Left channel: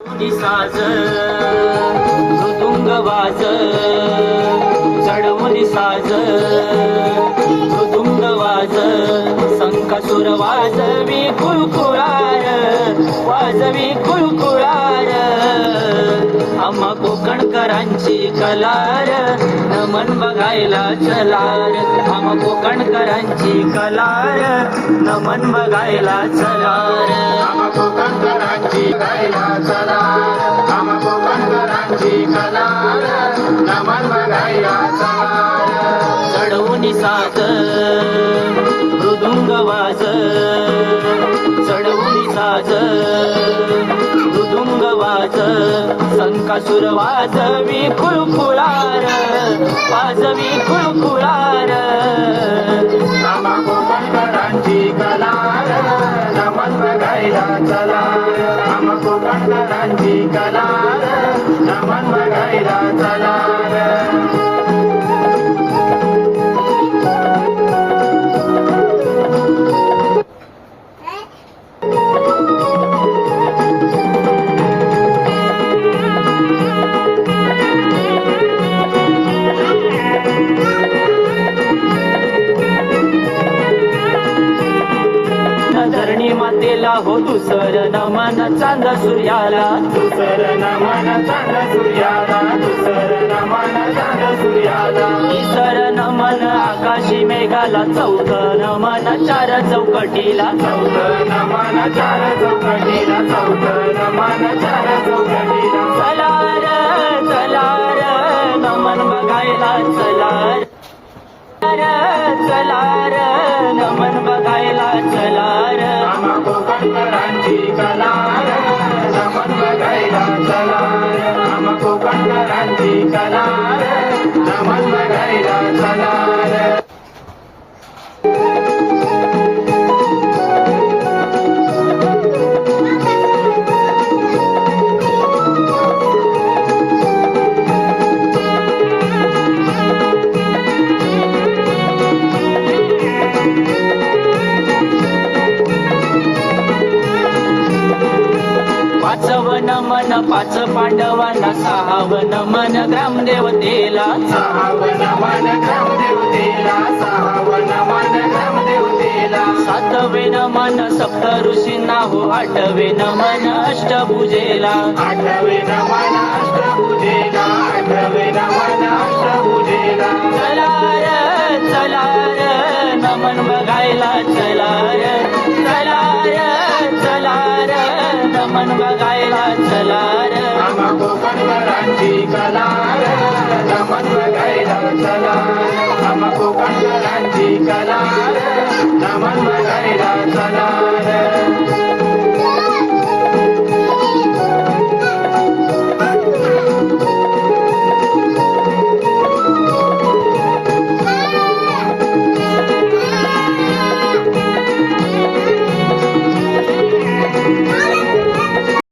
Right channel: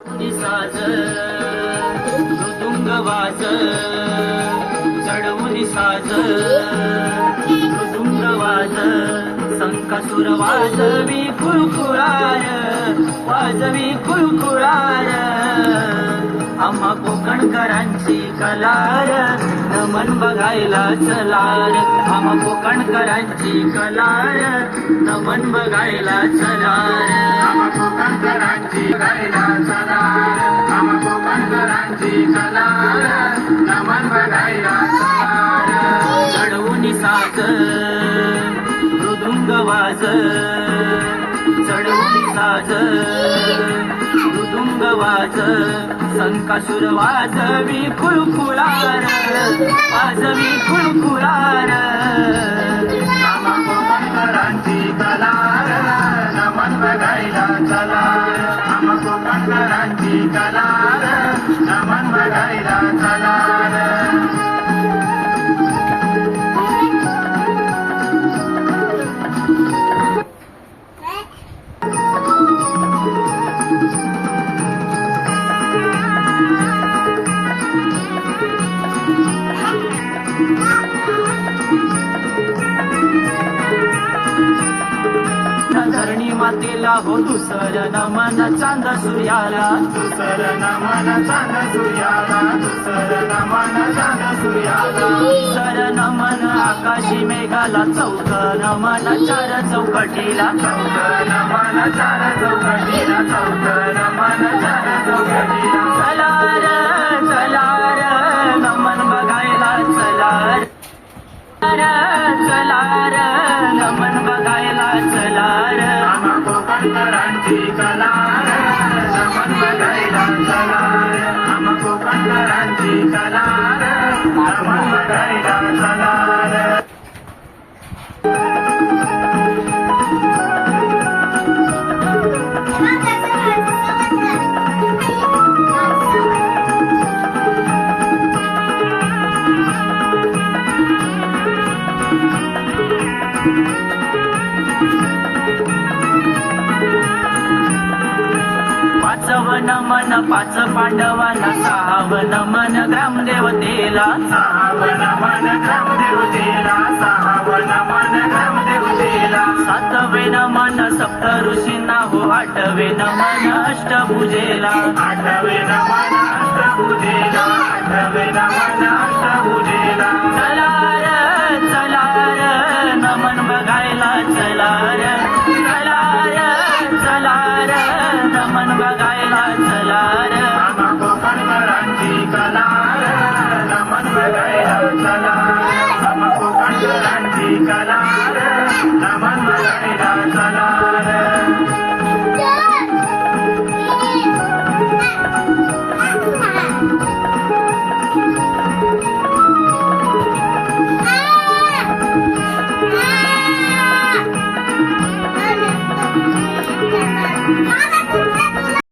साज मृदुंग वाज साज मृदुंग वाज संकासुर वाजवी कुळकुळार वाजवी कुळकुळार आम्हा कोकणकरांची कलार नमन बघायला चलार आम्हा कोकणकरांची कलार नमन बघायला चलार चढवून साज मृदुंग वाज चढवून साज मृदुंग वाज संकासुर वाजवी कुळकुळार कलांची कला नमन बघायला धरणी मातेला हो दुसर नमन चांद सूर्याला. दुसर नमन चांद सूर्याला. दुसर नमन चांद सूर्याला. सर नमन आकाशी मेघाला चौथ नमन चार चौकटीला. चौथ नमन चार चौकटीला. चौथ नमन चार चौकटीला. चला र चला र नमन बघायला चला र चला र नमन कोकणकरांची कला नमन बघायला चला कला बघायला पाचव मन पाच पांडवांना सहाव नमन ग्रामदेवतेला सहावन मन ग्रामदेवतेला सहावन मन ग्रामदेवतेला सातवे नमन सप्त ऋषींना हो आठवेन मन. अष्टभुजेला आठवेन मन अष्टभुजेला आठवेन मन अष्टभुजेला बघायला चला कोकणकरांची कला जमन चला कोकणकरांची कला